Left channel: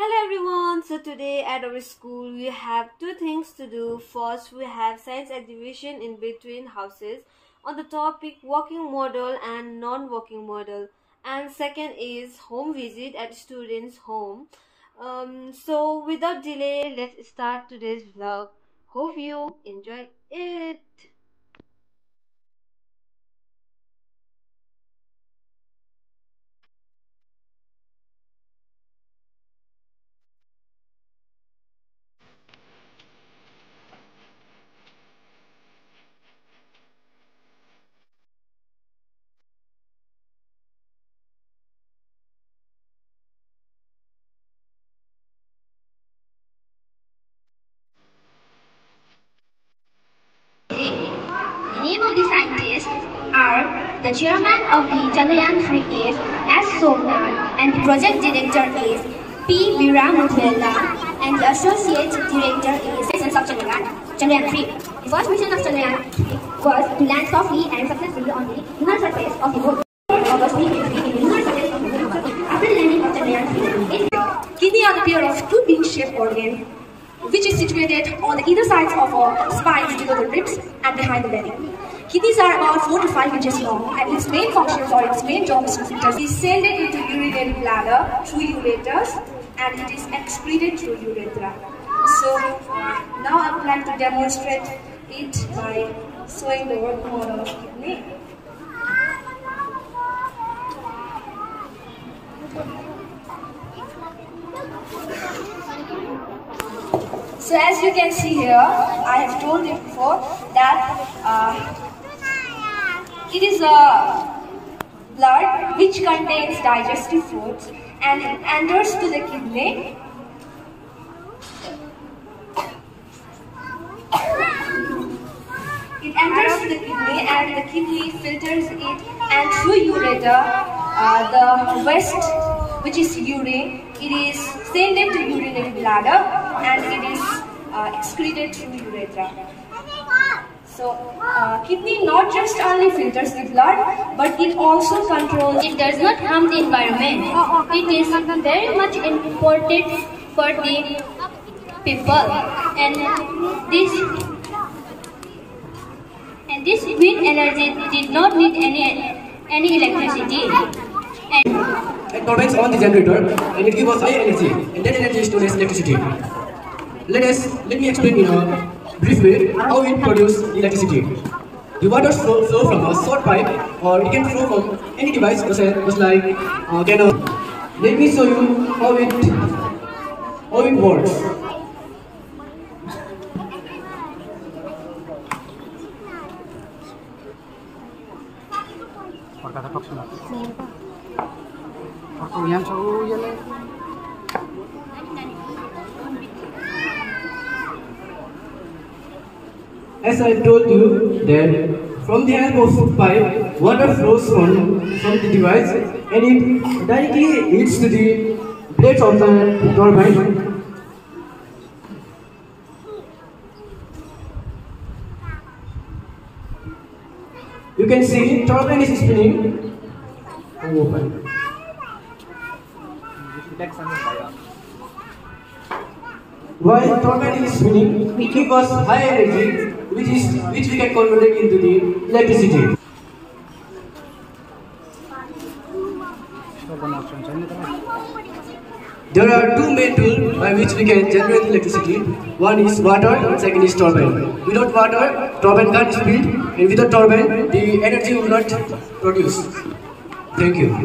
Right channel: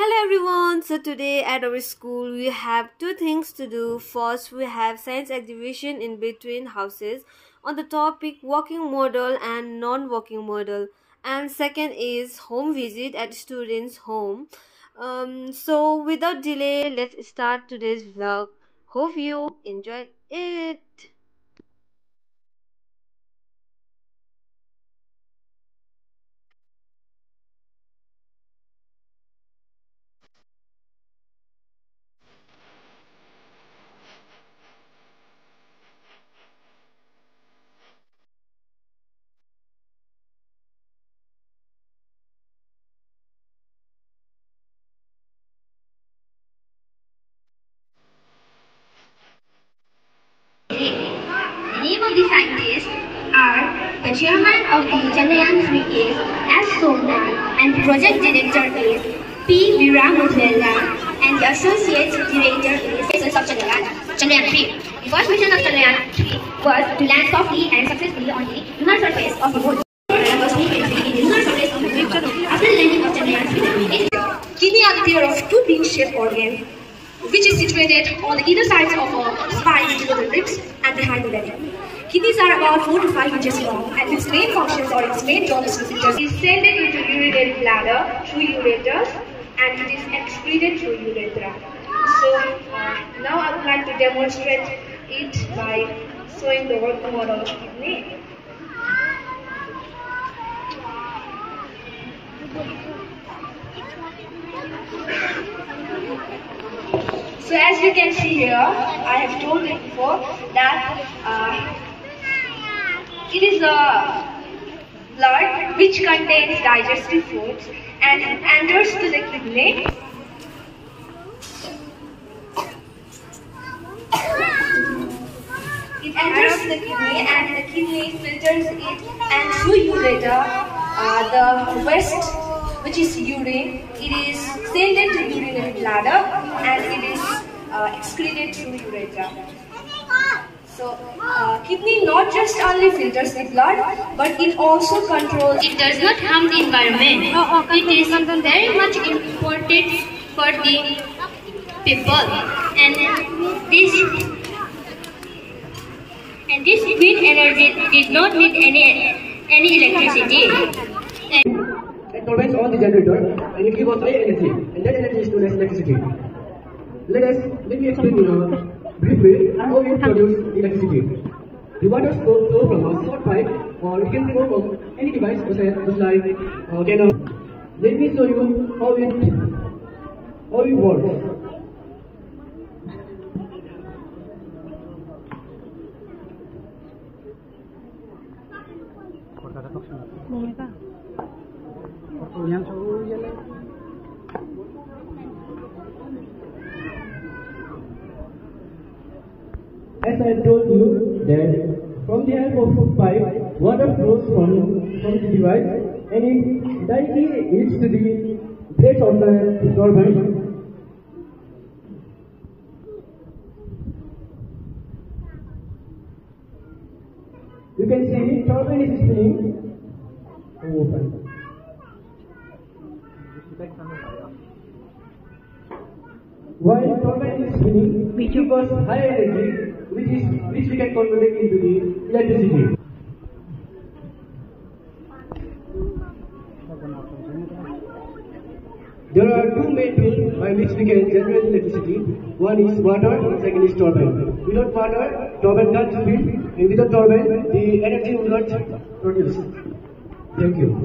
Hello everyone. So today at our school we have two things to do. First, we have science exhibition in between houses on the topic walking model and non-walking model. And second is home visit at students' home. So without delay, let's start today's vlog. Hope you enjoy it. The name of the scientists are the chairman of the Chandrayaan-3 is S. Somnath and the project director is P. Veeramudrella and the associate director is the of Chandrayaan-3. The first mission of Chandrayaan-3 was to land softly and successfully on the lunar surface of the moon. After the landing of Chandrayaan-3, kidney are the pair of two bean-shaped organs which is situated on the either sides of a spine below the ribs and behind the belly. Kidneys are about 4 to 5 inches long, and its main functions or its main job is to filter. It is sent into urinary bladder through ureters, and it is excreted through urethra. So now I would like to demonstrate it by showing the working model of kidney. So as you can see here, I have told you before that it is a blood which contains digestive foods and it enters to the kidney. It enters to the kidney and the kidney filters it, and through ureter, the waste, which is urine, it is sent into urinary bladder and it is excreted through urethra. So, kidney not just only filters the blood, but it also controls. It does not harm the environment. It is very much important for the people, and this wind energy did not need any electricity. It turns on the generator and it gives us high energy, and that energy stores electricity. Let me explain in a brief way how it produces electricity. The water flow from a short pipe, or it can flow from any device, just like cannon. Let me show you how it works. As I told you that from the help of pipe, water flows from the device and it directly hits to the plates of the turbine. You can see turbine is spinning. Open. While turbine is spinning, it gives us high energy, which we can convert it into the electricity. There are two main tools by which we can generate electricity. One is water and second is turbine. Without water, turbine can't spin, and without turbine, the energy will not produce. Thank you.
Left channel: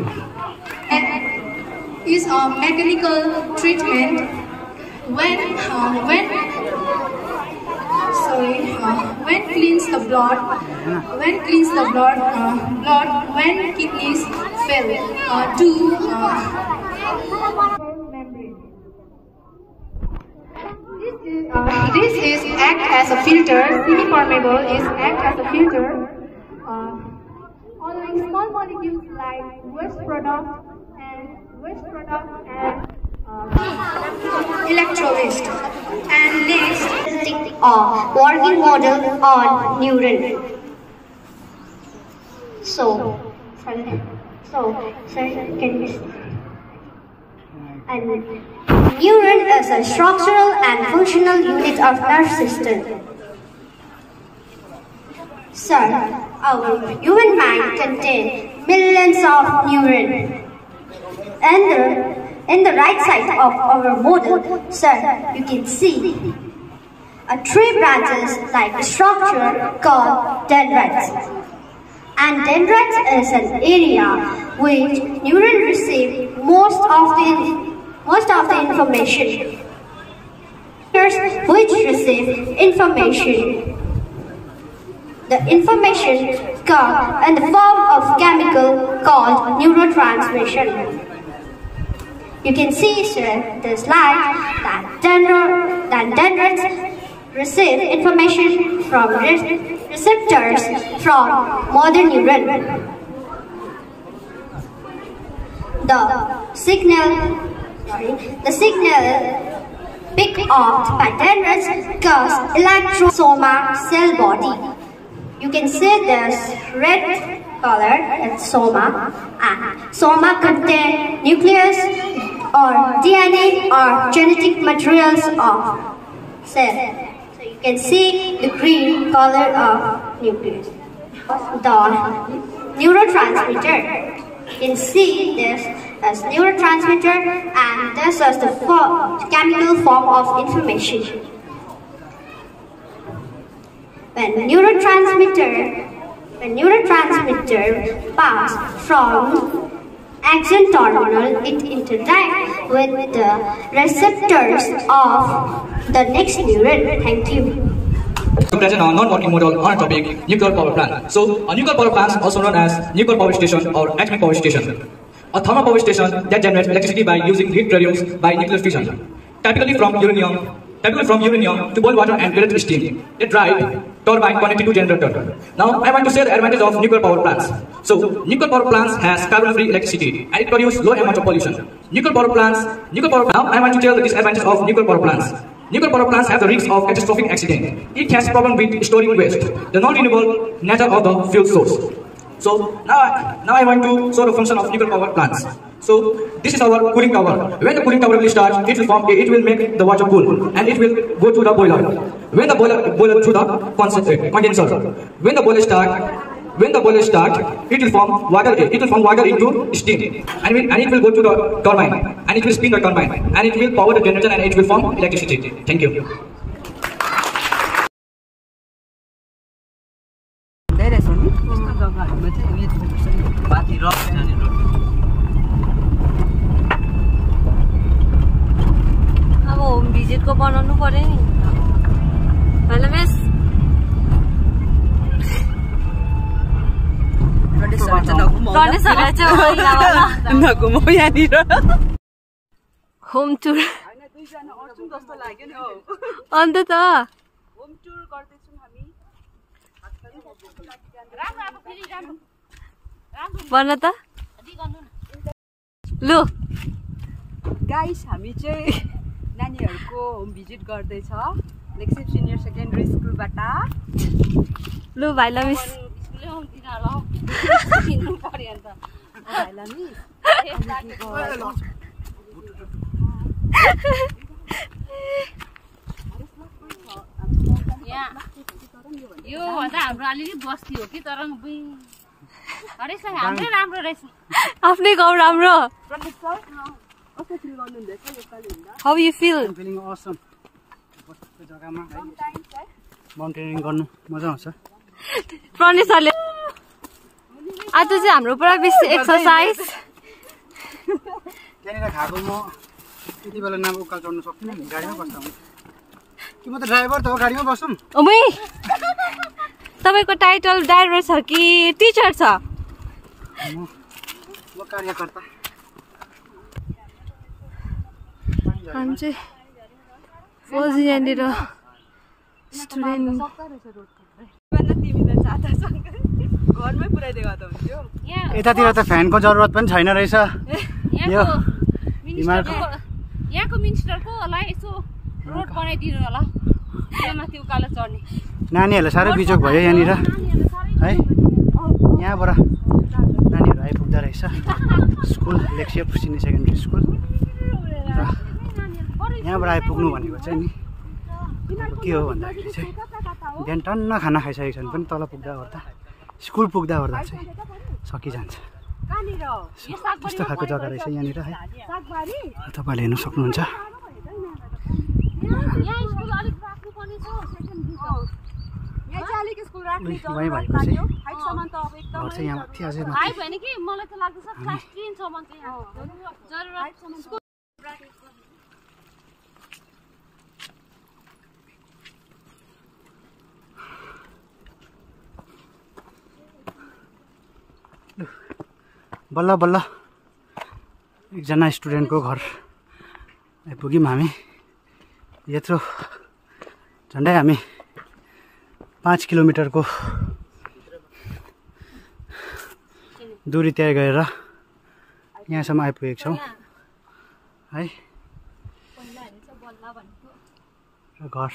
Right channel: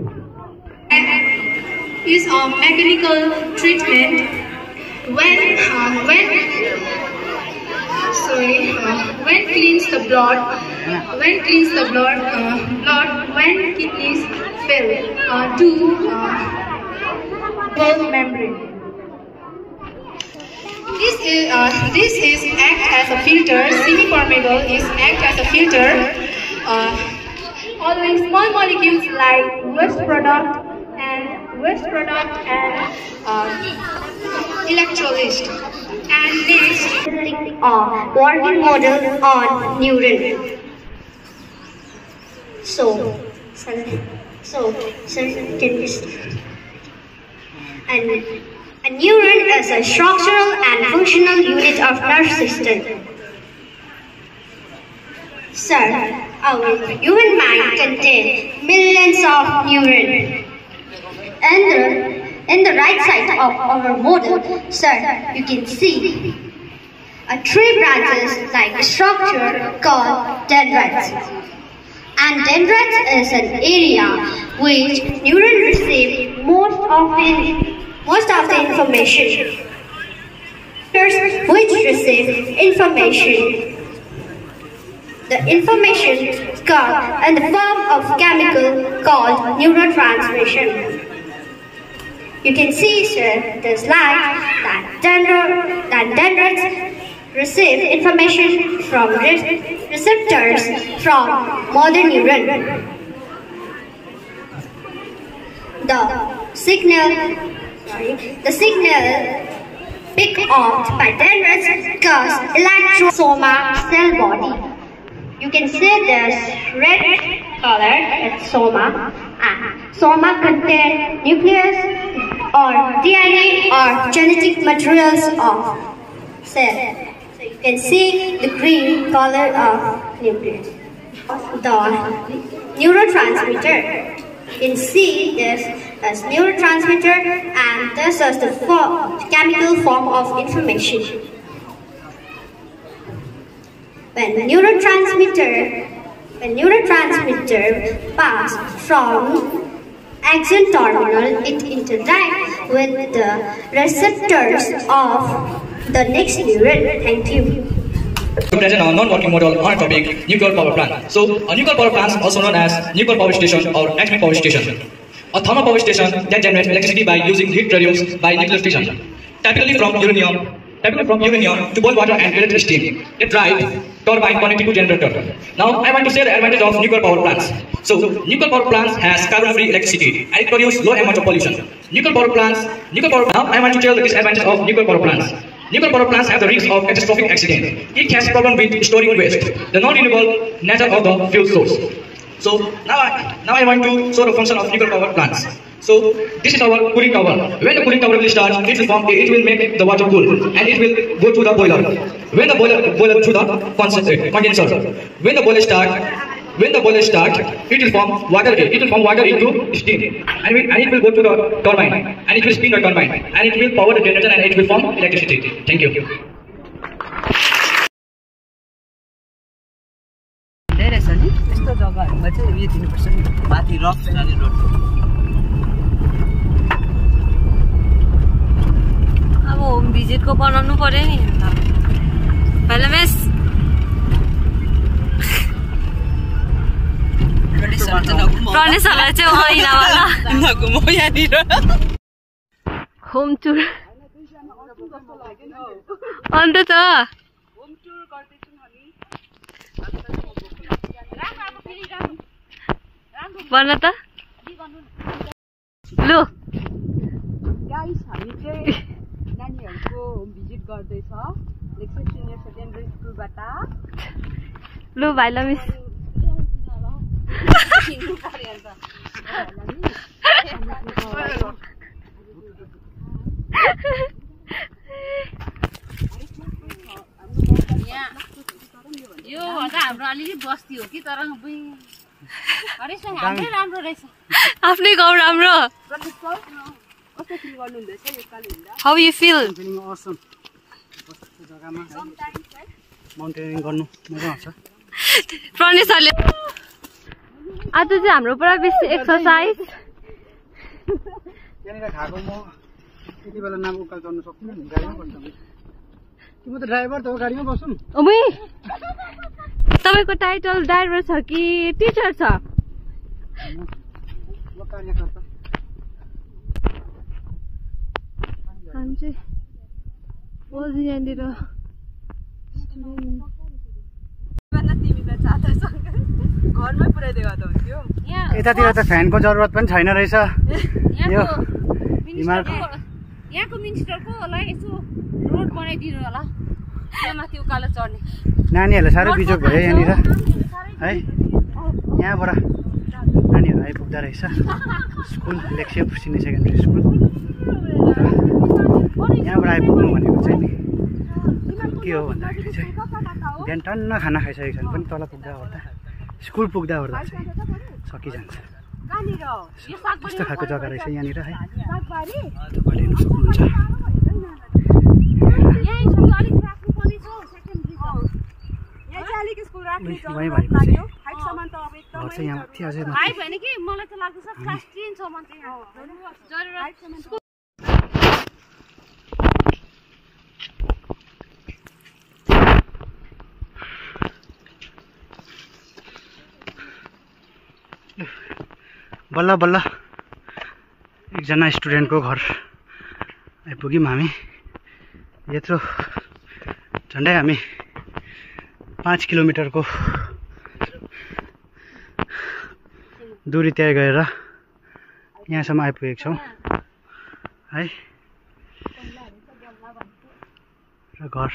Is a mechanical treatment when cleans the blood when kidneys fail to membrane. This is act as a filter. Semi-permeable is act as a filter. Allowing small molecules like waste product and electrolyst. And next, working model on neuron. So can we start? And neuron is a structural and functional unit of nerve system. Sir, our human mind contains millions of neurons. In the right side of our model, sir, you can see three branches like a structure called dendrites. And dendrites is an area which neurons receive most of the information. Which receive information. The information comes in the form of chemical called neurotransmission. You can see, sir, the slide that dendrites receive information from receptors from motor neuron. The signal picked up by dendrites cause electrosoma cell body. You can see this red color, it's soma, and soma contain nucleus or DNA or genetic materials of cell. So you can see the green color of nucleus. The neurotransmitter. You can see this as neurotransmitter, and this is the chemical form of information. When neurotransmitter pass from axon terminal, it interacts with the receptors of the next neuron. Thank you. To present our non-working model on a topic, nuclear power plant. So, a nuclear power plant, also known as nuclear power station or atomic power station. A thermal power station that generates electricity by using heat produced by nuclear fission. Typically from uranium to boil water and create steam. It drives turbine connected to generator. Now I want to say the advantage of nuclear power plants. So nuclear power plants has carbon-free electricity and it produces low amount of pollution. Now I want to tell the disadvantage of nuclear power plants. Nuclear power plants have the risk of catastrophic accident. It has problem with storing waste, the non-renewable nature of the fuel source. So now I want to show the function of nuclear power plants. So this is our cooling tower. When the cooling tower will start, it will make the water cool and it will go to the boiler. When the boiler to the condenser. When the boiler start, it will form water. It will form water into steam, and it will go to the turbine, and it will spin the turbine, and it will power the generator, and it will form electricity. Thank you. अब home भिजिटको बनाउनु पर्यो नि पहिला miss प्रणेशहरूलाई चाहिँ होइन home tour अन्त त भन त लु गाइस हामी चाहिँ नानीहरुको होम भिजिट गर्दै छ लेक्सेप सिनियर सेकेन्डरी स्कुलबाट लु भाइ ल मिस यो हाम्रो अलिअलि बस्ती हो कि तर हाम्रै राम्रो रहेछ आफ्नै गाउँ राम्रो How you feel? Awesome. Mountaineering गर्नु मजा आउँछ प्रणेशहरुले आज चाहिँ हाम्रो पुरा बेसी एक्सरसाइज त्यहाँनिर खाएको म यति बेला नाम उकाल चढ्नु सक्दिनँ नि गाडीमा बस्दा हुन्छ कि म त ड्राइभर त हो गाडीमा बसौँ ओमै तपाईको टाइटल ड्राइभर छ कि टिचर छ म कार्यकर्ता हामी चाहिँ फौजी यहाँनिर स्टुडेन्ट घरमै पुर्याइदिएको त हुन्थ्यो यतातिर त फ्यानको जरुरत पनि छैन रहेछ यो हिमालको यहाँको मिनिस्टरको होला यसो रोड बनाइदिनु होला यहाँ माथि उकालो चढ्ने नानीहरूलाई साह्रै बिजोग भयो यहाँनिर है यहाँबाट नानीहरू आइपुग्दा रहेछ स्कुल लेक्सेप सिनियर सेकेन्डरी स्कुल स्कुलबाट आइपुग्नु भनेको चाहिँ नि के हो भन्दाखेरि चाहिँ बिहान टन्न खाना खाइसकेको छ भने पनि तल पुग्दा ओर्दा स्कुल पुग्दा ओर्दा चाहिँ सकिजान्छ। त्यस्तो खालको जग्गा रहेछ यहाँनिर है, तपाईँले हेर्नु सक्नुहुन्छ। वहीँ भएको चाहिँ घर चाहिँ यहाँ माथि अझै बल्ल बल्ल एकजना स्टुडेन्टको घर आइपुग्यौँ हामी। यत्रो झन्डै हामी 5 किलोमिटरको दूरी तय गरेर यहाँसम्म आइपुगेको छौँ है। र घर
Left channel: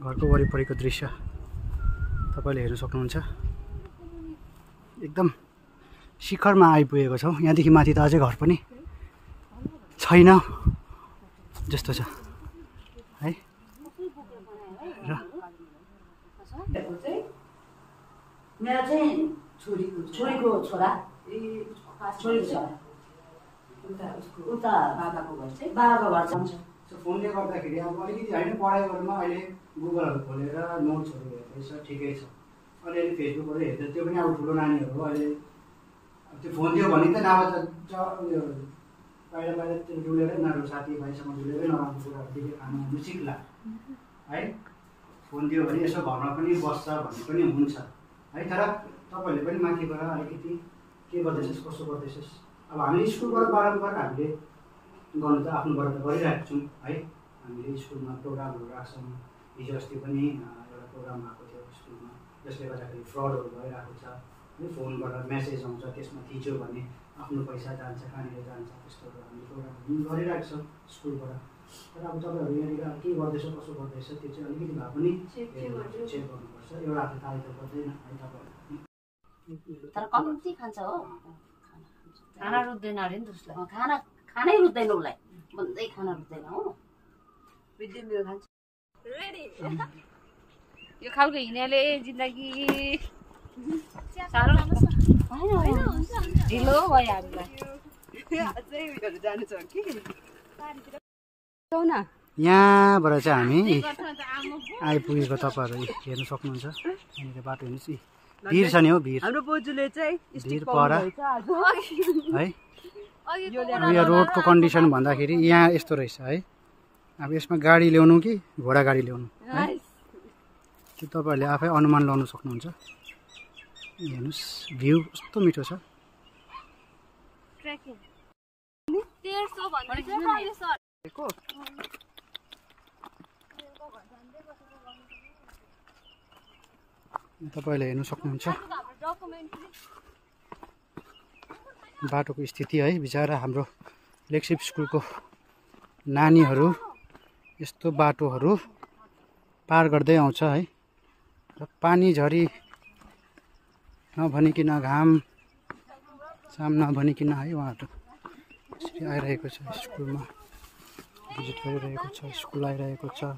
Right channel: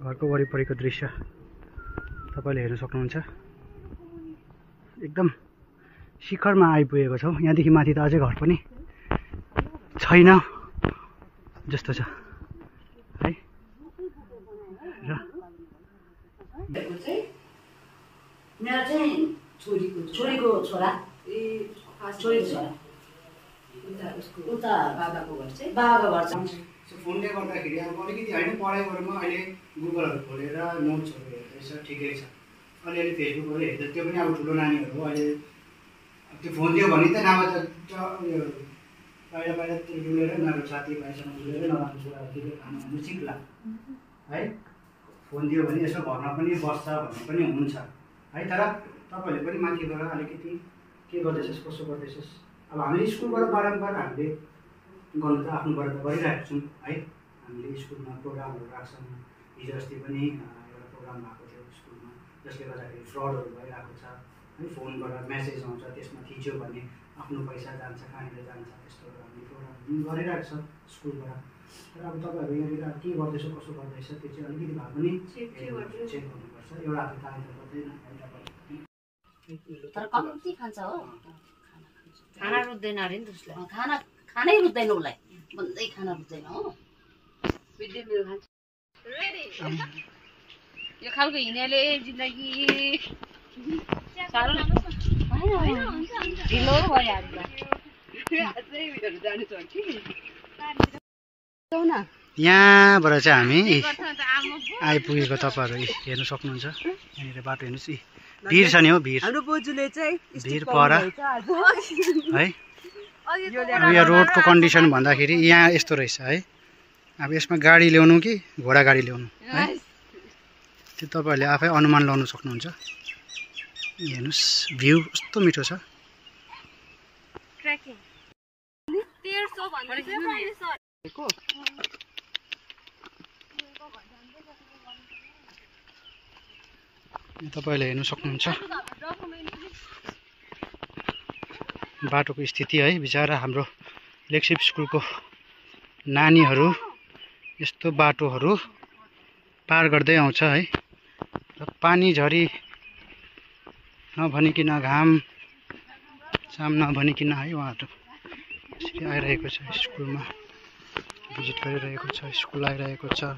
घरको वरिपरिको दृश्य तपाईँले हेर्न सक्नुहुन्छ। एकदम शिखरमा आइपुगेको छौँ। यहाँदेखि माथि त अझै घर पनि छैन जस्तो छ है। र मेरो चाहिँ छोरीको छोरा उता बाबाको घर चाहिँ फोनले गर्दाखेरि अब अलिकति होइन पढाइ गरेरमा अहिले गुगलहरू खोलेर नोट्सहरू हेर्दैछ, ठिकै छ। अलिअलि फेसबुकहरू हेर्दा त्यो पनि अब ठुलो नानीहरू हो। अहिले त्यो फोन दियो भने त नभए त उयो बाहिर बाहिर डुलेर नराम्रो साथीभाइसँग डुलेर नराम्रो कुराहरू देखेर खानु सिक्ला है। फोन दियो भने यसो घरमा पनि बस्छ भन्ने पनि हुन्छ है। तर तपाईँहरूले पनि माथिबाट अलिकति के गर्दैछस् कसो गर्दैछस्। अब हामीले स्कुलबाट बारम्बार हामीले गर्नु त आफ्नोबाट त गरिरहेको छौँ है। हामीले स्कुलमा प्रोग्रामहरू राख्छौँ। हिजो अस्ति पनि एउटा प्रोग्राम भएको थियो स्कुलमा, जसले गर्दाखेरि फ्रडहरू भइरहेको छ है। फोनबाट मेसेज आउँछ, त्यसमा थिच्यो भने आफ्नो पैसा जान्छ, कहाँनिर जान्छ, त्यस्तोहरू हामीले प्रोग्राम गरिरहेको छौँ स्कुलबाट। तर अब तपाईँहरू यहाँनिर के गर्दैछ कसो गर्दैछ त्यो चाहिँ अलिकति भए पनि चेक गर्नुपर्छ। एउटा हातले ताली त गर्दैन है तपाईँहरू। तर कम्ती खान्छ हो, खाना रुच्दैन अरे नि त्यसलाई। खानै रुच्दैन उसलाई, भन्दै खाना रुच्दैन हो। मिड डे मिल खान्छ। यो खालको हिँड्नेले जिन्दगी साह्रो ढिलो भइहाल्छ। यहाँबाट चाहिँ हामी आइपुगेको तपाईँहरू हेर्नु सक्नुहुन्छ। यहाँनिर बाटो हेर्नुहोस्, भिड छ नि हो, भिड पर है। अब यो रोडको कन्डिसन भन्दाखेरि यहाँ यस्तो रहेछ है। अब यसमा गाडी ल्याउनु कि घोडा गाडी ल्याउनु है, त्यो तपाईँहरूले आफै अनुमान लगाउनु सक्नुहुन्छ। हेर्नुहोस् भ्यू कस्तो मिठो छ। तपाईँहरूले हेर्नु सक्नुहुन्छ बाटोको स्थिति है। बिचरा हाम्रो लेक्सिप स्कुलको नानीहरू यस्तो बाटोहरू पार गर्दै आउँछ है। र पानी झरी नभनिकन घाम साम नभनिकन है उहाँहरू आइरहेको छ। स्कुलमा भिजिट गरिरहेको छ, स्कुल आइरहेको छ।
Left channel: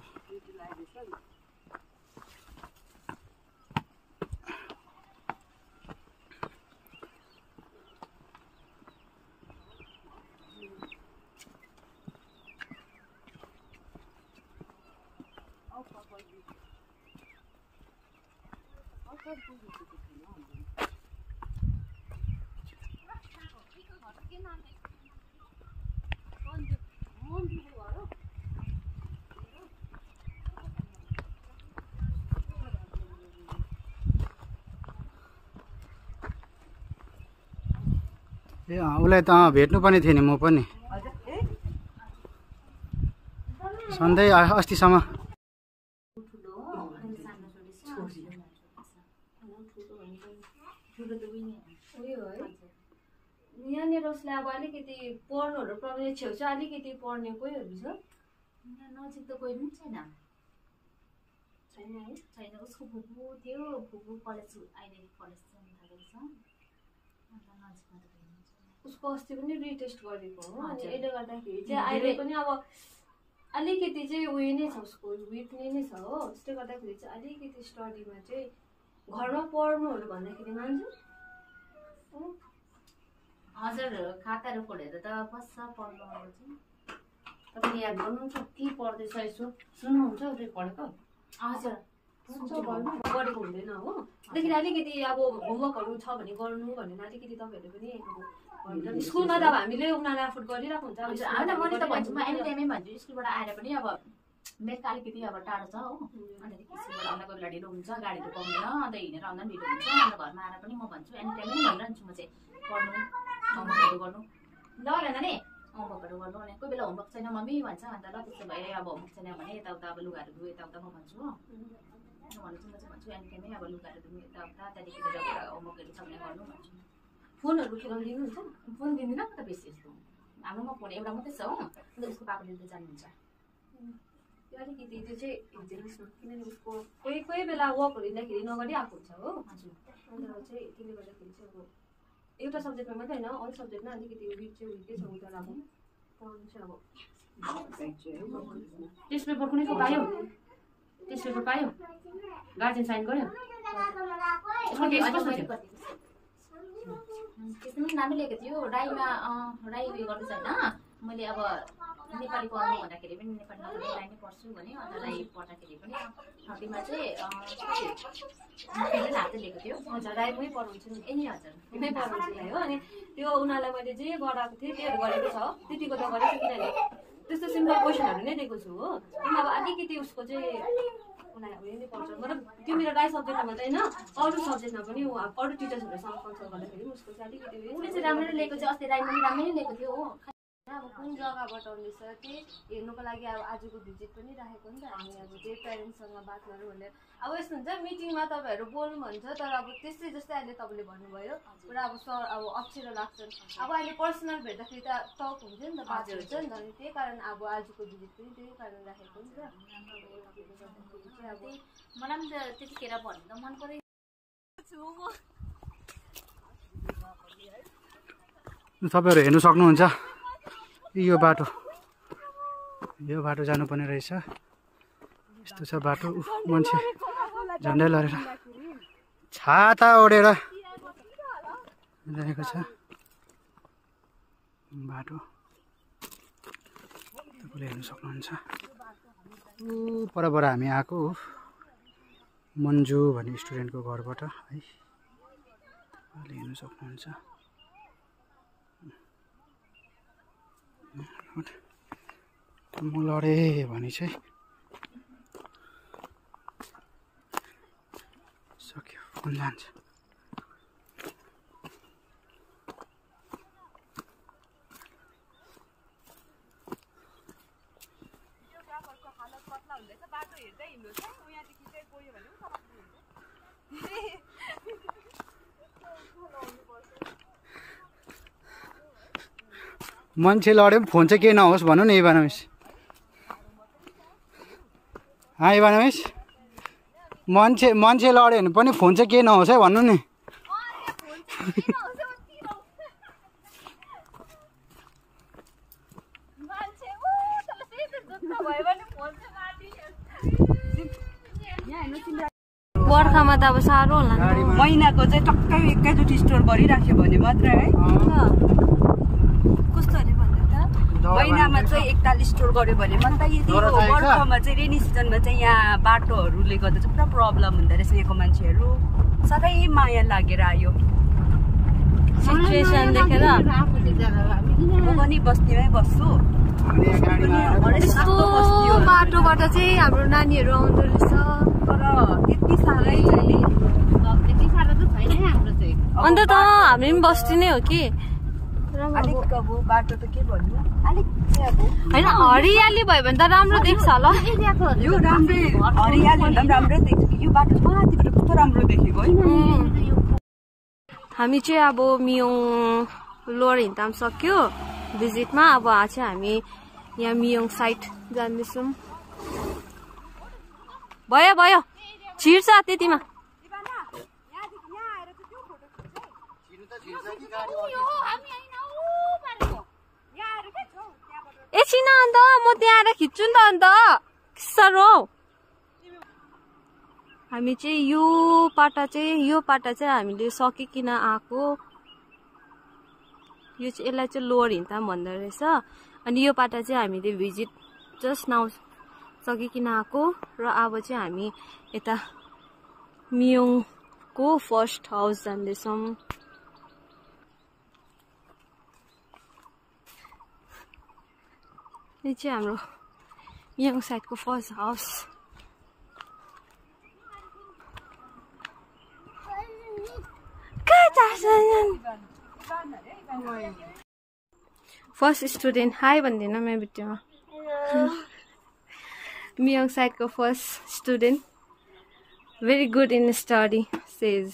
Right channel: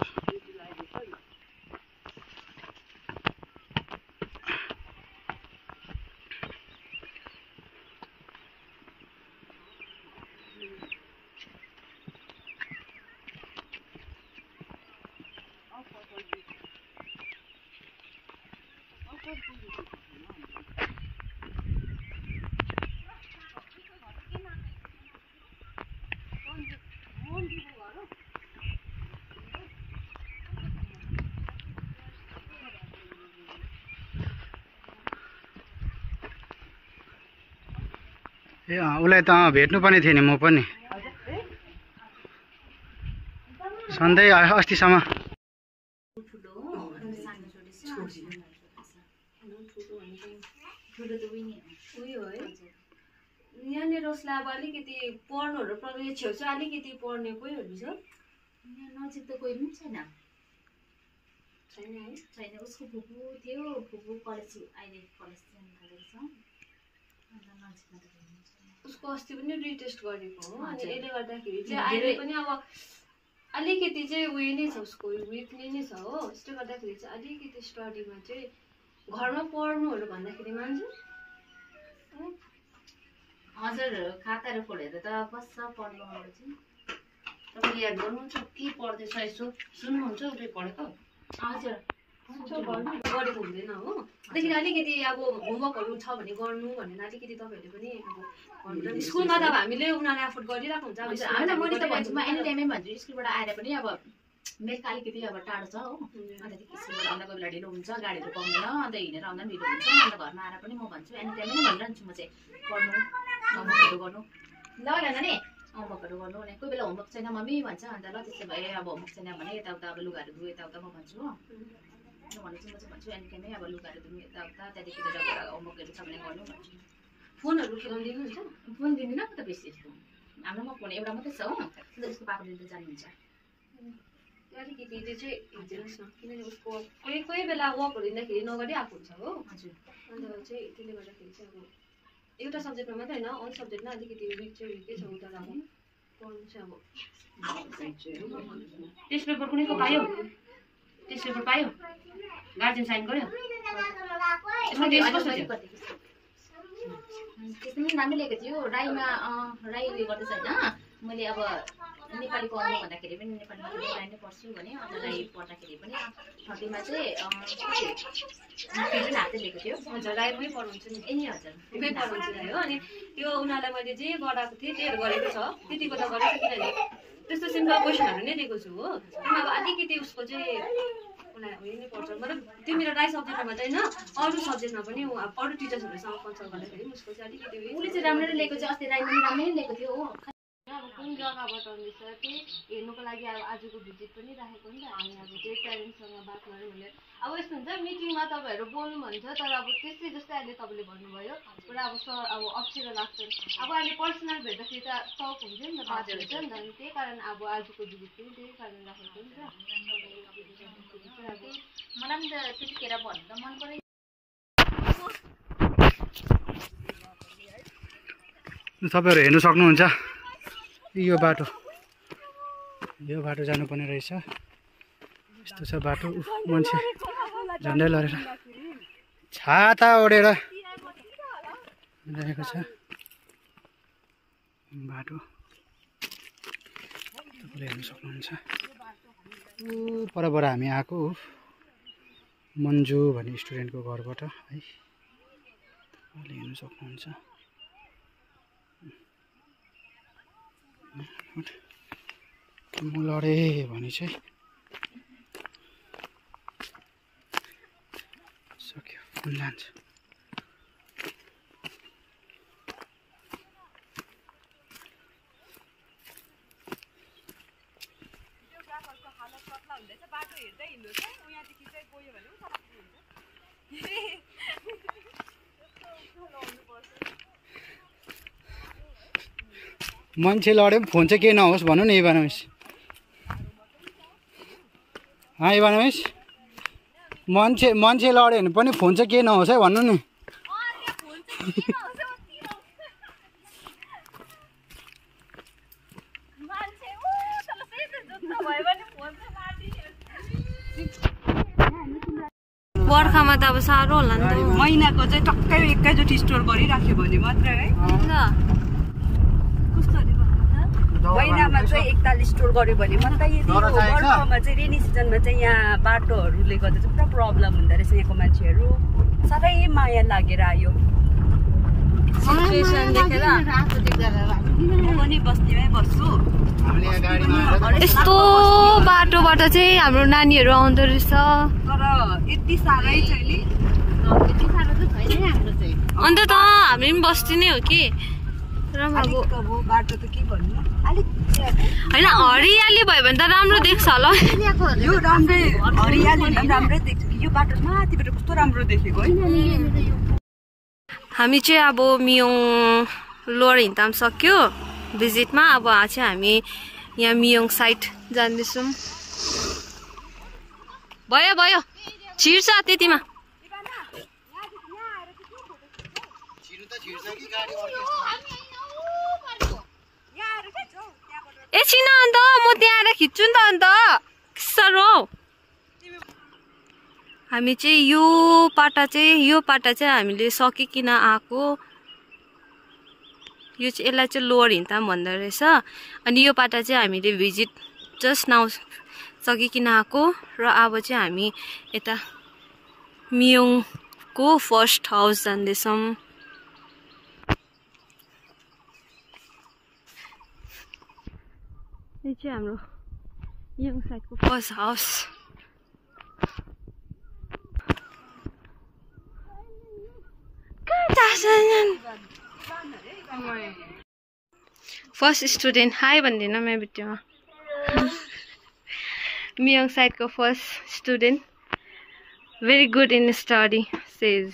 ए उसलाई त भेट्नुपर्ने थियो नि, म पनि सधैँ अस्तिसम्म यहाँनिर उसलाई अब अलिकति पढ्नुहरू पर्ने छेउछाउ अलिकति पढ्ने कोहीहरू छ? यहाँ नजिक त कोही पनि छैन। छैन है? छैन। उसको फुपू थियो, फुपू कलेज अहिले कलेज जानु थालेको छ। अन्त नजिकमा त हुनुहुन्छ। उसको अस्ति पनि रिटेस्ट गरेको हो अनि यसले गर्दाखेरि चाहिँ अहिले पनि अब अलिकति चाहिँ उयो नै छ, उसको विकली नै छ हो। त्यसले गर्दाखेरि चाहिँ अलिकति स्टडीमा चाहिँ घरमा पढ्नुहरू भन्दाखेरि मान्छ। हजुर खाताहरू खोलेर त बस्छ पढ्नुहरू चाहिँ। तपाईँले याद गर्नुहुन्छ के पढ्दैछ यसो सुन्नुहुन्छ उसले पढेको? हजुर गरेको हुँदैन हो। त्यसदेखि अलिकति अब होमवर्कहरू छ भने गर्नु भनेर अलिकति तपाईँहरूले पनि अब स्कुलमा त अब हामीले उनीहरूलाई एफोर्ड गरिरहेको हुन्छ। होइन मैले त भन्छु, म एनी टाइमै भन्छु स्कुलबाट आएर पनि अब मेलका अलिकति अब टाढो छ हो। अन्त स्कुलबाट आउँदा कोही बेला ढिलो हुन्छ, गाडीहरू पाउँदैन, अन्त हिँडेर आउँदा पनि ढिलो हुन्छ। अन्त घरमा आएर पनि म भन्छु एनी टाइमै भनिरहन्छु म चाहिँ पढ्नु, होमवर्कहरू गर्नु ल नानी, होमवर्कहरू गर्नु भने कोही बेला होमवर्क छैन मम्मी भन्छ। अन्त ल त्यसो भए अब होमवर्क छैन भने यताउता अब लुगाहरू धुयो यताउता म भन्छु हो। भनेपछि म चाहिँ भन्छु एनी टाइमै अब लुगाहरू धुनु यताउता, त्यहाँदेखि होमवर्कहरू छ भने गर्नु भन्छु। फोनहरू खेलाउनु दिनुहुन्छ? फोन दिँदिनँ त बेसी यस्तो। हाम्रोमा फोन एउटा मात्रै छ हो। अन्त उसको पापाले त जान्नुहुन्छ। अलिकति त्यो चाहिँ हेरिदिनुहोस् न, किनकि उसको कोही कोही बेला वर्कहरू दिँदाखेरि नगरिआएको हुन्छ हो। हजुर। अन्त चाहिँ त्यसले गर्दाखेरि चाहिँ अब एउटा सब्जेक्टमा मात्रै होइन अल सब्जेक्टमा अलिकति विक चाहिँ विकै छ उता अब पढ्नु चाहिँ अब। टेस्ट पेपर कुनैको पायो? टेस्ट पेपर पायो? गार्जियन साइन गर्यो? त्यस्तो पनि राम्रै ल्याएको थियो। राईमा राई उयो गर्दैछ होइन। मैले अब नेपाली पढ्नु भन्दाखेरि पनि नेपालीमा राई नै पढ्छु भने, अन्त राई पढ्दाखेरि पनि 30मा चाहिँ हातै लिएको थियो। हजुर राईमै पढाउँछु नि। ए हजुर मै पढाउँछु हो। अनि त्यो उनीहरूलाई मैले जे गराएको थिएँ त्योहरू गरेको छ, त्यतिको त गरेको छु। किनभने त्यस्तो सिम्पल क्वेसनहरू नै दिएको छु हो। अब अलिकति उसको चाहिँ उनीहरू उयो नै पर्छ। मतलब त्यो मेरो राई सब्जेक्टमा मात्रै होइन अरू सब्जेक्टमा पनि अरू टिचर्सहरूसँग कन्सल्ट गर्दाखेरि उसको चाहिँ अलिकति उसले चाहिँ राम्ररी लिएको चाहिँ अस्ति राईमा पनि राम्रै लिएको थियो हो। अब कुन जग्गाबाट आउँदैछ त्यो हेर्नुको लागि अब आजको भिजिट पनि राखेको नि त हामी। अब त्यही प्यारेन्ट्ससँग बात गऱ्यौँ भने अब यस्तो हुन्छ मिटिङमा तपाईँहरू बोल्नु भन्छ, तर अब त्यस्तै जस्तै अहिले तपाईँले भन्नुभयो पुरा अब सर अब अप्ठ्यारो लाग्छ। अब अहिले पर्सनल भेट्दाखेरि त टक हुन्छ नि त, बात हुन्छ नि त। अनि त्यही कारण अब आजको भिजिट पनि त्यही कारण राखेको नि त। अब मलाई पनि त त्यतिखेर भन्नु त मन पऱ्यो। तपाईँहरू हेर्नु सक्नुहुन्छ यो बाटो जानुपर्ने रहेछ। यस्तो छ बाटो। मान्छे झन्डै लडेर छाता ओढेर रहेको छ बाटो। तपाईँले हेर्नु सक्नुहुन्छ परबाट हामी आएको मन्जु भन्ने स्टुडेन्टको घरबाट है। तपाईँले हेर्नु सक्नुहुन्छ म लडेँ भने चाहिँ सक्यो, फोन जान्छ। मान्छे लड्यो फोन चाहिँ केही नहोस् भन्नु नि इभानोमिस। इभानोमिस मान्छे लड्यो भने पनि फोन चाहिँ केही नहोस् है भन्नु नि। बर्खामा त अब साह्रो होला नि त। महिनाको चाहिँ टक्कै एकैचोटि स्टोर गरिराख्यो भने मात्रै है। महिनामा चाहिँ 41 स्टोर गर्यो भने मात्रै। यदि बर्खामा चाहिँ रेनी सिजनमा चाहिँ यहाँ बाटोहरूले गर्दा चाहिँ पुरा प्रब्लम हुँदो रहेछ। यहाँको मान्छेहरू साह्रै माया लागेर आयो। म पनि बस्तीमै बस्छु। यस्तो बाटोबाट चाहिँ हाम्रो नानीहरू आउँदो रहेछ, तर यति साह्रै छैन। यति साह्रो त छैन हाम्रो चाहिँ। अन्त त हामी पनि बस्ती नै हो कि। अब बाटो त के भन्नु अलिक होइन हरियाली भयो भने त राम्रो देख्छ होला। यो राम्रै हरियाली राम्रै देख्छ। यो बाटो माथिबाट कस्तो राम्रो देखेको है। हामी चाहिँ अब मियोङ लोवर हिँड्दाम सक्यो भिजिटमा। अब चाहिँ हामी यहाँ मियोङ साइड जाँदैछौँ। भयो भयो छिर्छ त्यतिमा एकछिन अन्त म त्यहाँ आएर खिच्छु नि त अन्त साह्रो हामी चाहिँ यो पाटा चाहिँ हामीले सकिकन आएको यो चाहिँ यसलाई चाहिँ लोवर हिन्ताम भन्दो रहेछ अनि यो पाटा चाहिँ हामीले भिजिट जस्ट नाउ सकिकन आएको र अब चाहिँ हामी यता मियोङको फर्स्ट हाउस जाँदैछौँ यो चाहिँ हाम्रो मियोङ साइडको फर्स्ट हाउस फर्स्ट स्टुडेन्ट हाई भन्दिनँ मेरो भिडियोमा मियोङ साइडको first student very good in study says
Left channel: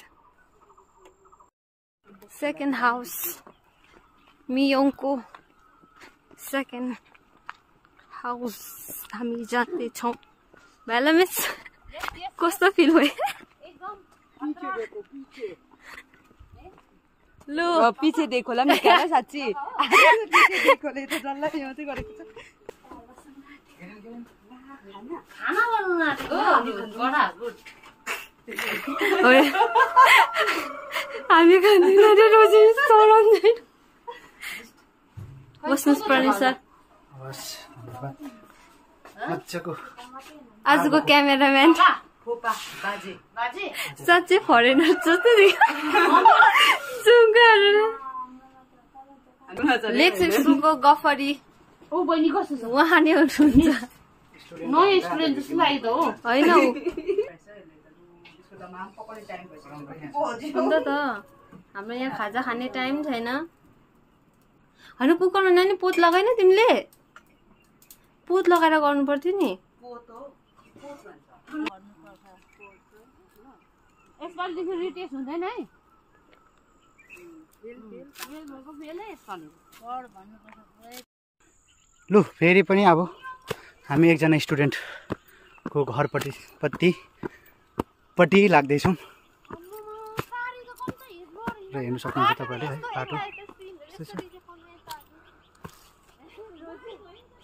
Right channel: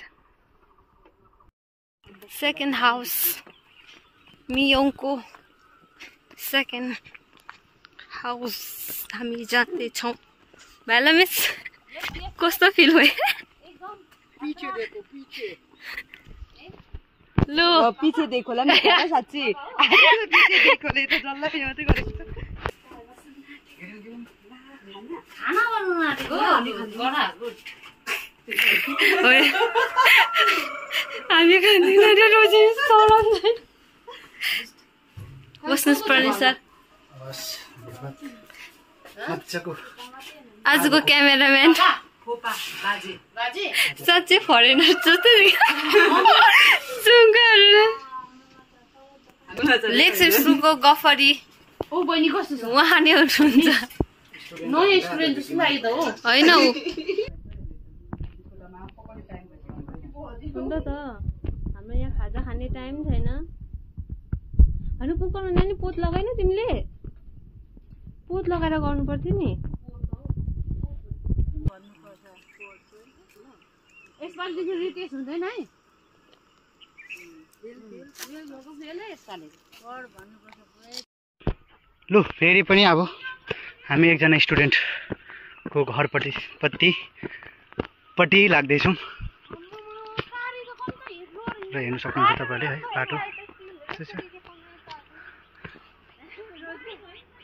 second house मियोङको सेकेन्ड हाउस हामी जाँदैछौँ भाला मिस कस्तो फिल भयो लो पछि देखोला नि साच्ची पछि देखोले त जल्लै यो चाहिँ गरेको छ खाना बनाउन आएको बडा गुड हामी खाँदैन र रोजी सराउँदै बस्नुहोस् पर्ने सर आजको क्यामेराम्यान साँच्चै फरेनर जस्तो लेक्चर सुको गफरी ओ बहिनी कस्तो छ उहाँ नै हुनुहुन्छ नयाँ स्टुडेन्ट जस्तो लाग्यो त हो होइन अन्त त हाम्रो यहाँ खाजा खाने टाइम छैन होइन कुकरमा नानी पोत लगाएन तिमीले पोत लगाएर गर्नु पर्थ्यो नि यसपालिदेखि रिटेस्ट हुँदैन है लु फेरि पनि अब हामी एकजना स्टुडेन्टको घरपट्टि लाग्दैछौँ र हेर्नु सक्नुहुन्छ तपाईँले है बाटो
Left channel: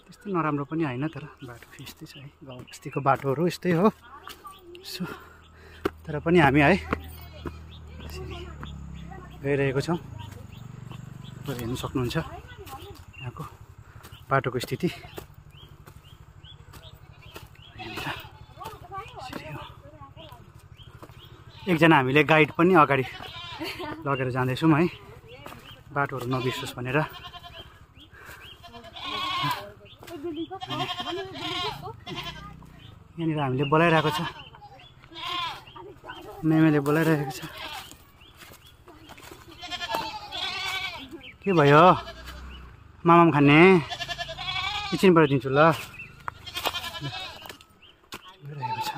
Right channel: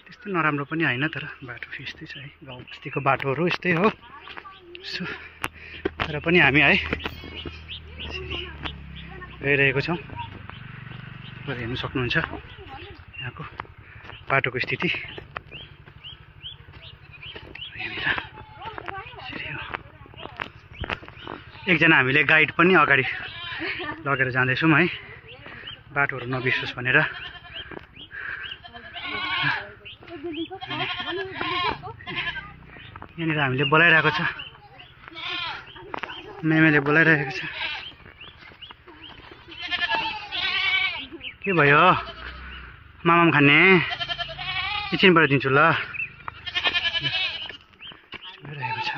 त्यस्तो नराम्रो पनि होइन तर बाटो यस्तै छ है गाउँ बस्तीको बाटोहरू यस्तै हो सो तर पनि हामी है गइरहेको छौँ हेर्नु सक्नुहुन्छ यहाँको बाटोको स्थिति एकजना हामीले गाइड पनि अगाडि लगेर जाँदैछौँ है बाटोहरू नबिर्सोस् भनेर यहाँनिर हामीले बोलाइरहेको छ मेमेले बोलाइरहेको छ के भयो मामाम खाने एकछिनबाट दिन्छु ल रहेको छ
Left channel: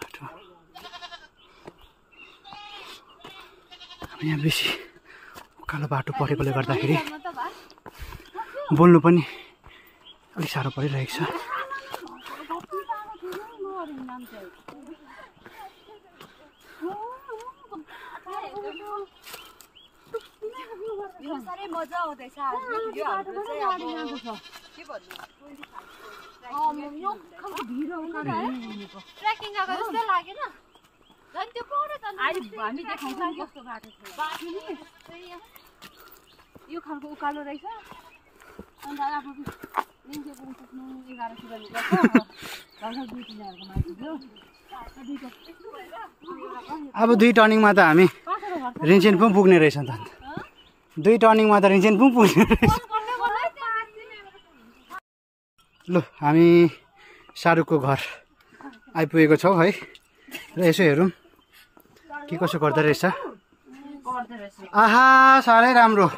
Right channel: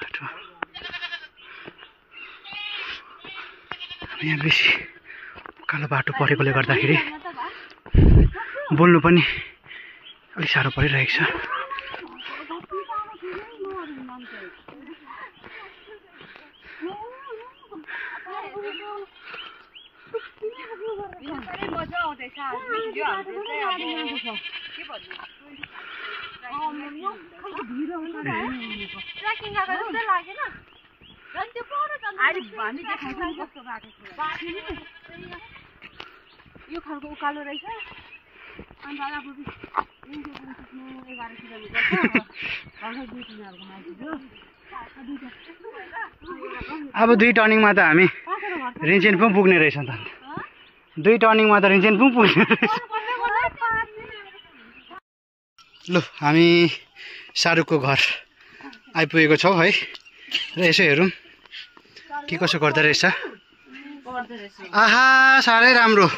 बाटो यहाँ बेसी उकालो बाटो परेकोले गर्दाखेरि बोल्नु पनि अलिक साह्रो परिरहेको छ मजा आउँदैछ यो हाम्रो चाहिँ अब के भन्नु ट्रेकिङ गएको जस्तो लागेन झन् त्यो पढ्यो त हामी देखाउँछौँ कस्तो बाटो छ यो खालको उकालो रहेछ अन्त अब पुग्नु 11 किलोमिटर छ लगभग 2-3 माथि थियो अब 2 टर्निङमा त हामी रिन्चेन पनि पुग्ने रहेछ त 2 टर्निङमा त रिन्चेन पनि पुग्ने रहेछ लु हामी शाहरुखको घर आइपुगेको छौँ है र यसो हेरौँ के कसो गर्दो रहेछ आहा साह्रै राम्रो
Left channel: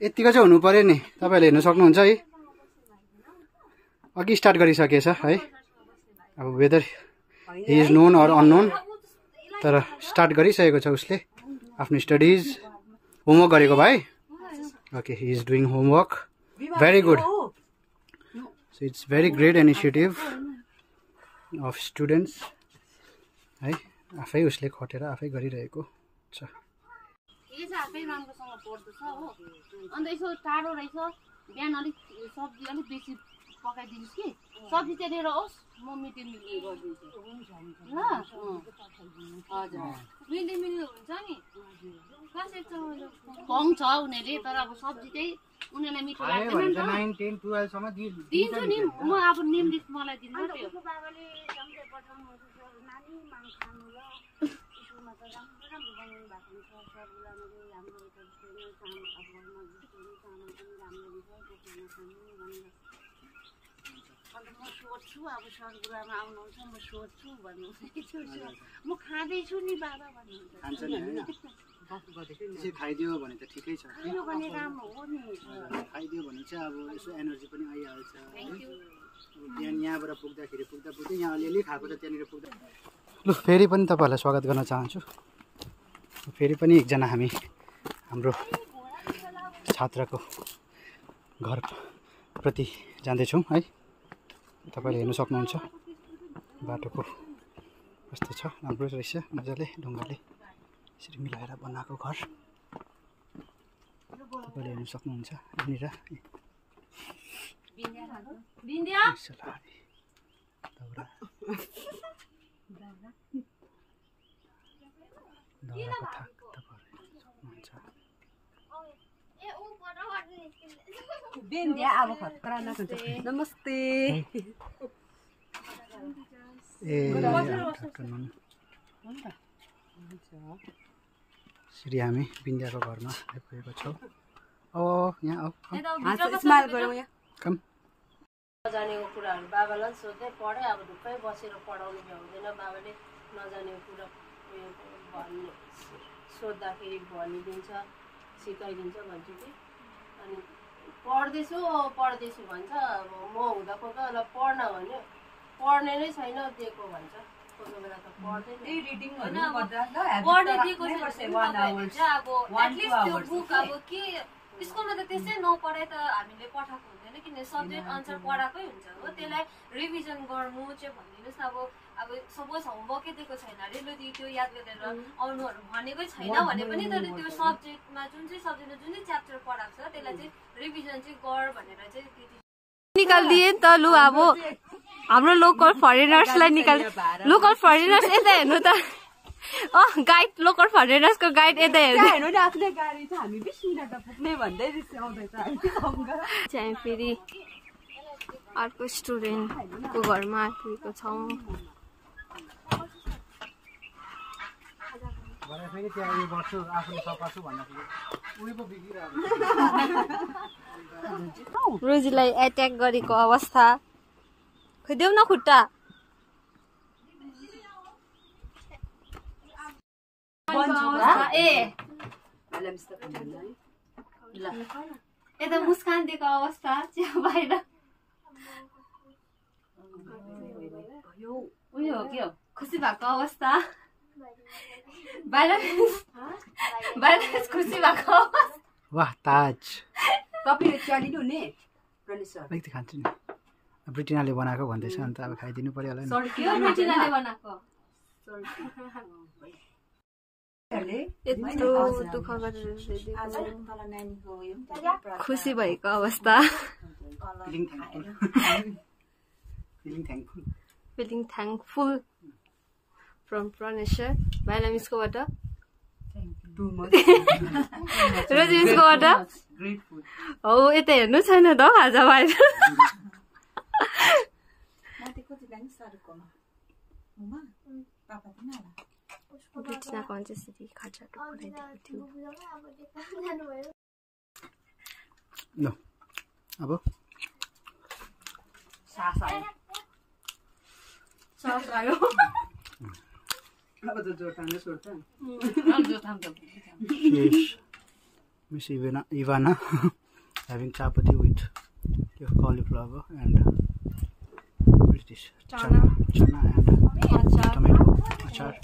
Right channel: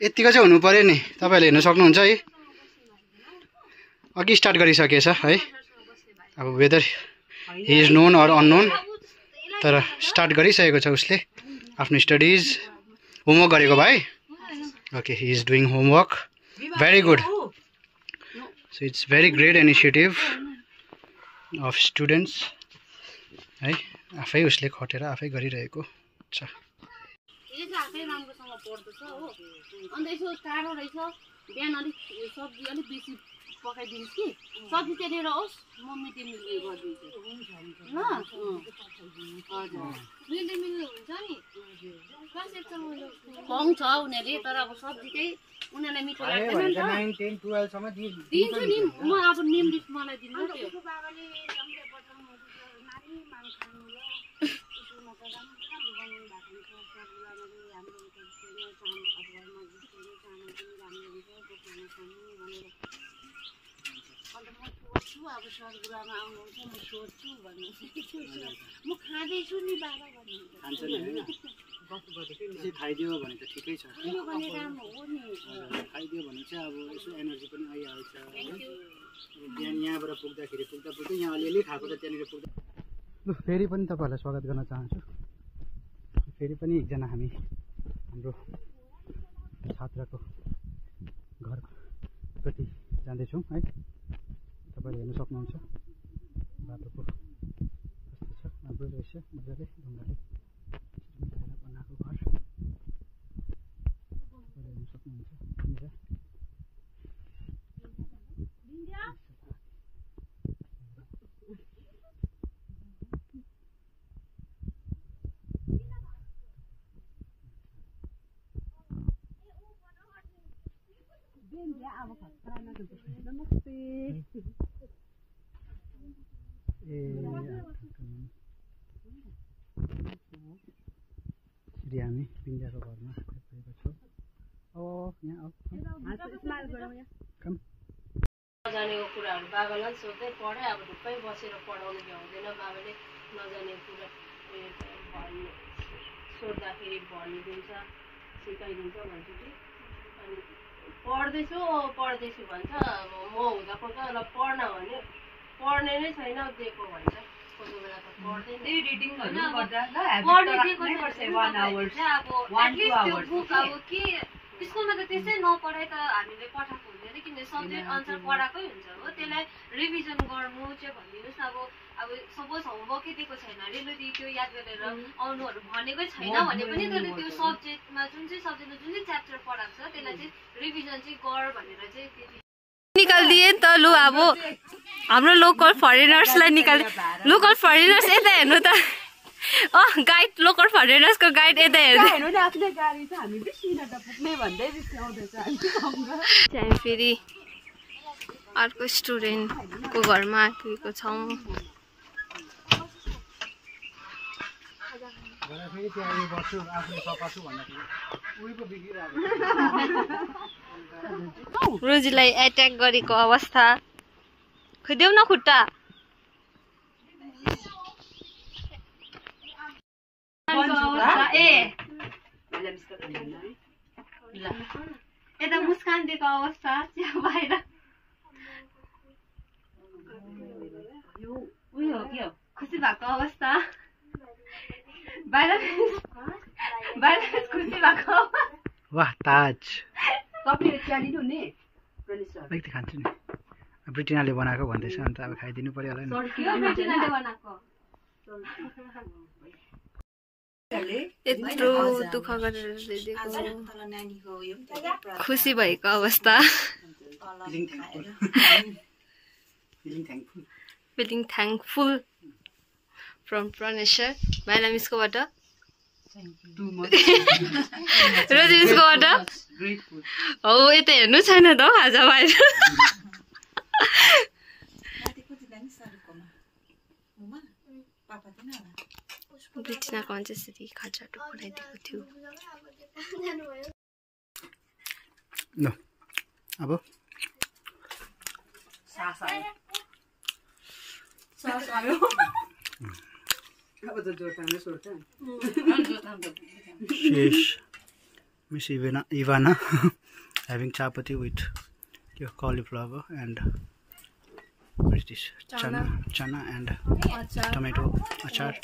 यतिको चाहिँ हुनु पर्यो नि तपाईँहरूले हेर्न सक्नुहुन्छ है अघि स्टार्ट गरिसकेछ है अब whether he is known or unknown तर स्टार्ट गरिसकेको छ उसले आफ्नो स्टडिज होमवर्क गरेको भाइ okay he is doing homework very good so it's very great initiative of students है आफै उसले खटेर आफै गरिरहेको छ। राम्रोसँग पढ्दैछ हो अन्त यसो टाढो रहेछ बिहान अलिक सब्जी अलिक बेसी पकाइदिनुहोस् कि सब्जी त्यहाँनिर होस् म मिड डे मिल गरिदिन्छु ल हजुर मिड डे मिल हुन्छ नि क्लास 1 खुवाउँछ उनीहरूले तर अब सब्जी चाहिँ उनीहरूलाई मिठो लाग्दैन नि त 9 10 12 सम्म दिन्छु नि म अब नेम लिस्ट मलाई दिनु त्यो अन्त म सोध्छु अब सरगुरुआमा आउनुहुन्छ म सोध्छु भन्नुहुन्छ म खाँदैछु नि बाबा भन्नुहुन्छ खाइदियो भने त ठिकै छ यो भने राम्रो हो नि खाइदियो भने चाहिँ अब यसो एनर्जी पनि आइहाल्छ बिहान यहाँबाट पुग्दाखेरि पुग्दै यहाँ अलिअलि खाएको त त्यहाँनिर पुग्दा लु फेरि पनि तपाईँहरूलाई स्वागत गर्न चाहन्छु। फेरि पनि एकजना हामी हाम्रो छात्रको घरप्रति जाँदैछौँ है। तपाईँले हेर्नु सक्नुहुन्छ बाटोको कस्तो छ राम्रो रहेछ मजाले ढुङ्गाले यसरी मिलाएर बनाएको घर तपाईँले हेर्नु सक्नुहुन्छ यहाँनिर नमस्ते श्री हामी बिन्दियाको घरमा आइपुगेको छौँ। यहाँ कम नजानेको कुराहरू बाबालाई सोध्दै पढे अब ढुक्कै बसेर पढाउनु भ्याउँदैन बाबाले नजानेको कुरा भन्ने सोद्धाखेरि भनिदिन्छ सिकाइदिन्छ भन्छु कि अनि पढ्दैछु भन्छ अब म हुँदा कोही ल पढ्न भन्यो पढ्ने नै छैन दिएको भन्छ कोही बेला त पढ्दैन स्कुलमा त त्यसै नपढाइ त हामीले पठाएको हुँदैन किन सब्जेक्ट अनुसार पढाएकै हुन्छ हो त्यसलाई रिभिजन गर्नु चाहिँ भनिदिनुहोस् अब सपोज होमवर्कै दिएको छैन अरे लु त्यो याद गरेर आउनुहरू भनेकै छैन भने पनि त्यसले त्यो सब्जेक्टमा जुन चाहिँ च्याप्टर पढाएको छ त्यसलाई चाहिँ रिभिजन चाहिँ गर भनेर चाहिँ त्यति निकालिदिए नि त लु अब हाम्रो लोकल फरेनर्सलाई लोकल फरेनर्स यता हेर्नु त गाइड लोकल फरेनर्सको गाइड यता हेर्नु आफ्नो गाडी छ हामी 20 मिनेट पुग्ने भन्दै रिसाउँदैछ हामी फेरि अर्को स्टुडेन्टको घरमा आइपुगेको छौँ। रोजीलाई एट्याक गरेको अवस्था खोइदेऊ न खुट्टा यता मुस्कान दिएको अवस्था चिया बाहिर उयो के हो खुसी भएको अवस्था बाहिर खुसी भएको वाह ताज तपाईले चिया लिनुहुने अलिकति खान्छु नि ब्रिटिनाले बनाएको भन्दैछ अन्त अब खाइदिनु पर्यो होला नि ब्रिटिनाले बनाएको यत्रो दुःख गरेर खुसी भएको अवस्था feeling thankful from Praneshwar भाइलाई मिसकोबाट रोजी मिसकोबाट हो यता हेर्नु छैन त आज बाहिर ब्रिटिनाको अन्त्यश्री खाजाटो बनाइदिएको थियो ल अब Sheesh, Miss Ivana having chapati with your cauliflower and what is this? Chana and tomato achar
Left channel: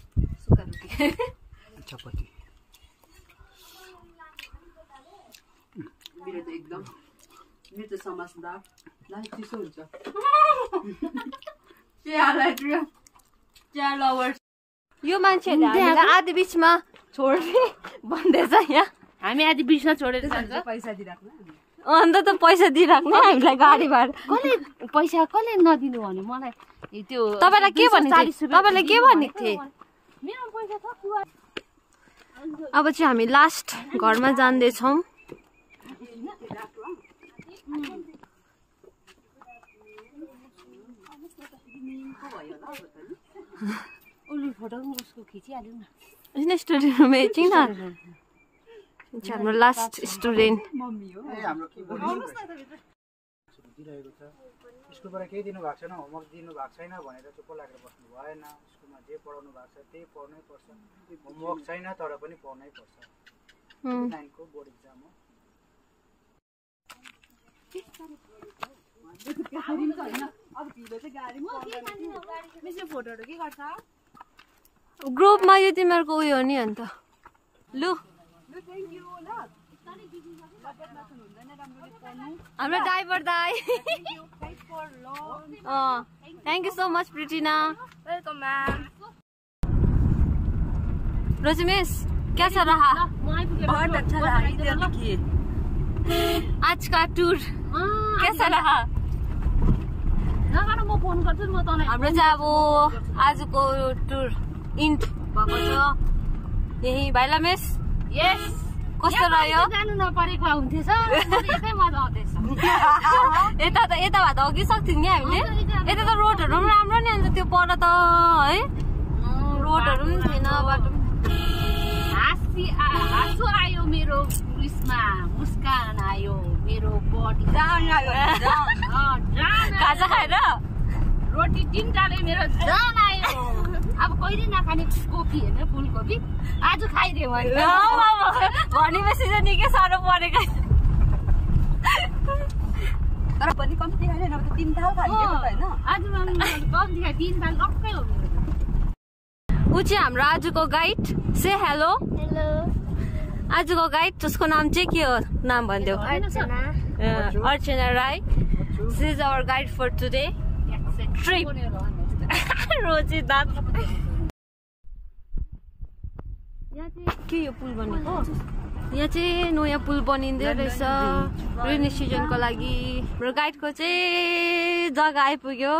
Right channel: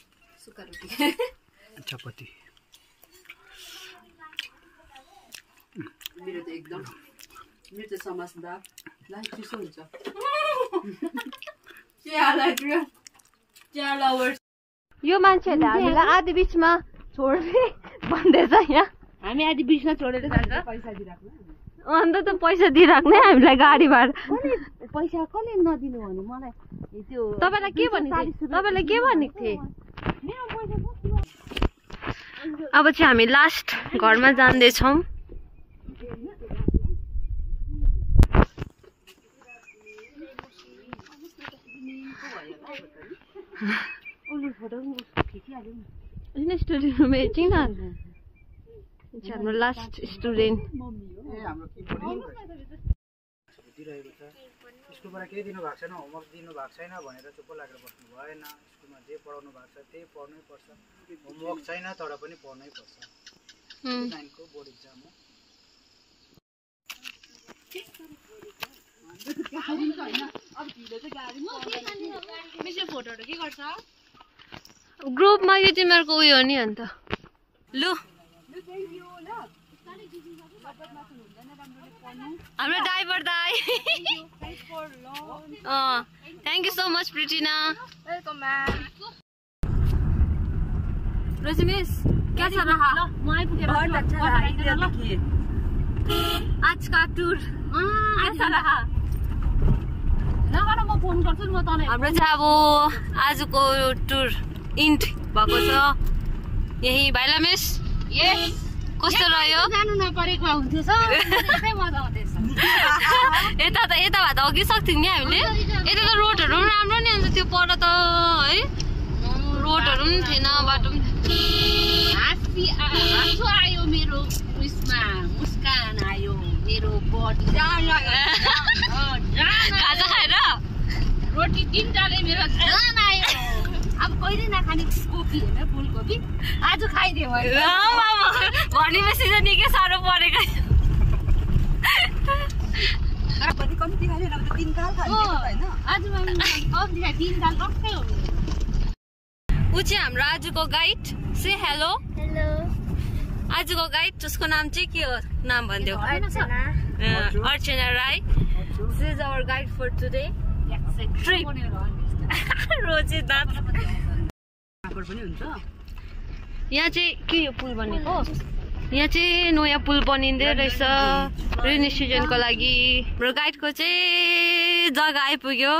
and chapati. मेरो त समझदार ला चिसो हुन्छ यो मान्छेहरूले हामीलाई आधी बिचमा छोड्ने भन्दैछ यहाँ। हामी आधी बिचमा छोडेर जान्छ। पैसा दिइराख्नु अन्त त पैसा दिइराख्ने हामीलाई गाडी भाडा। पैसा कसले नदिनु भने मलाई त्यो तपाईँलाई के भनेको थिएँ? तपाईँलाई के भनेको थिएँ? मेरो पैसा छ कि अब चाहिँ हामी लास्ट घरमा जाँदैछौँ। स्टुडेन्ट एकछिन हाम्रो लास्ट स्टुडेन्ट दिइरहेको छ। स्कुलबाट केही दिनु भएको छैन, होमवर्क दिनु भएको छैन भनेर चुप्प लागेर बस्नु भएन। स्कुलमा जे पढाउनु भएको छ त्यही पढ्नै पर्छ। होमवर्क छैन तर पनि पढ्नै पर्छ। 9को बोर्ड इक्जाम हो। फोटोहरू के गर्छ ग्रुपमा यो तिमीहरूको उयो हो नि अन्त। लु हाम्रो ड्राइभर दाइ। Thank you so much Pritina. Rosie miss क्या चल रहा? बहुत अच्छा रहा। आज का टुर कैसा रहा? म फोन गर्छु म तँलाई। हाम्रो चाहिँ अब आजको टुर इन्ड भएको छ यही भाइला मिस। यस कस्तो रह्यो? जानु नपरेको हुन्थ्यो सर। मजा आउँदैछ। यता भए त अघि सक्थ्यौँ नि हामीले। यता त रोडहरू पनि राम्रो नि अन्त त्यो पर त है रोडहरू पनि थिएन बाटो पनि। हाँसो आयो मेरो उयसमा, मुस्कान आयो मेरो बडी। खाजा खाएर रोटी 3टाले मेरो जान आयो। अब कहिले नखाने कोपी होइन फुलकोपी आज खाइदिएँ मैले। भनेपछि त निकै साह्रो परेको। पनि कम्ती खाएन अब त 3 ताल खान्छ हैन। आज कम्ती खाए 3 ताल टक्कै हो मेरो। ऊ चाहिँ हाम्रो आजको गाइड। Say hello. हेलो। आजको गाइड उसको नाम चाहिँ के हो? नाम भनिदेऊ। Archana Rai. She is our guide for today trip. Rosie दाँत यहाँ चाहिँ के यो पुल बनेको? यहाँ चाहिँ नयाँ पुल बनिँदै रहेछ रेनी सिजनको लागि। हाम्रो गाइडको चाहिँ जग्गा आइपुग्यो।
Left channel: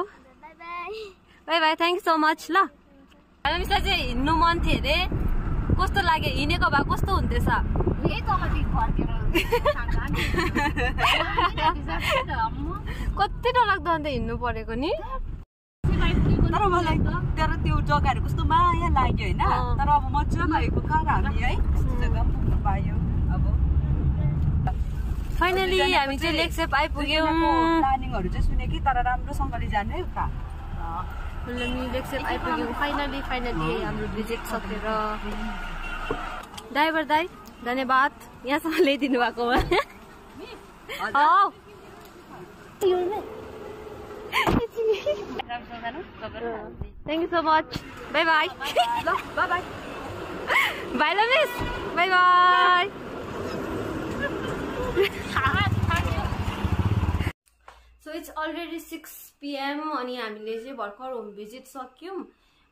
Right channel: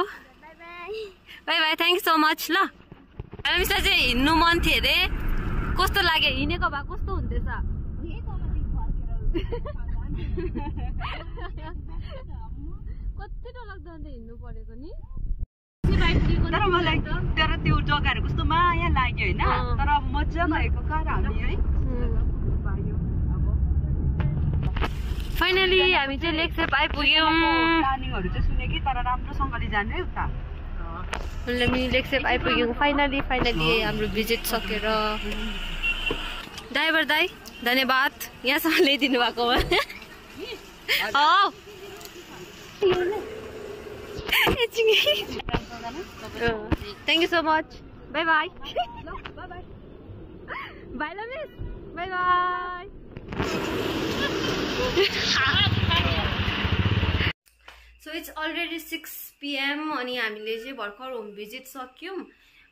By by thank you so much. ल मिसलाई चाहिँ हिँड्नु मन थियो अरे। कस्तो लाग्यो? हिँडेको भए कस्तो हुन्थेछ? कति डरलाग्दो अन्त हिँड्नु परेको नि। तर मलाई तर त्यो जग्गाहरू कस्तो माया लाग्यो होइन। तर अब मजा भएको कार हामी है पायो। अब फाइनली हामी चाहिँ लेक्सेप आइपुग्यौँ। प्लानिङहरू चाहिँ सुने कि तर राम्रोसँगले जाने है उता। हामी लेक्सेप आइपुग्यौँ फाइनली हाम्रो भिजिट सकेर। ड्राइभर दाइ धन्यवाद यहाँसम्म ल्याइदिनु भएको भए। Thank you so much. Bye bye. Bye ल miss. Bye bye. So it's already 6 PM अनि हामीले चाहिँ भर्खर होम भिजिट सक्यौँ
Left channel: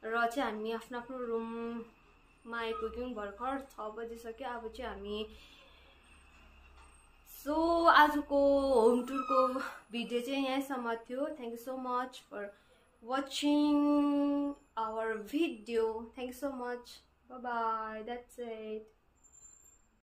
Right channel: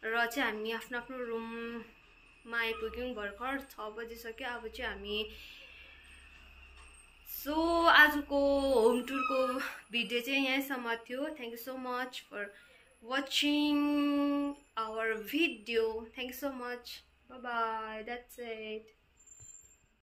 र चाहिँ हामी आफ्नो आफ्नो रुममा आइपुग्यौँ। भर्खर 6 बजिसक्यो। अब चाहिँ हामी सो आजको होम टुरको भिडियो चाहिँ यहीँसम्म थियो। Thank you so much for watching our video. Thank you so much. Bye bye. That's it.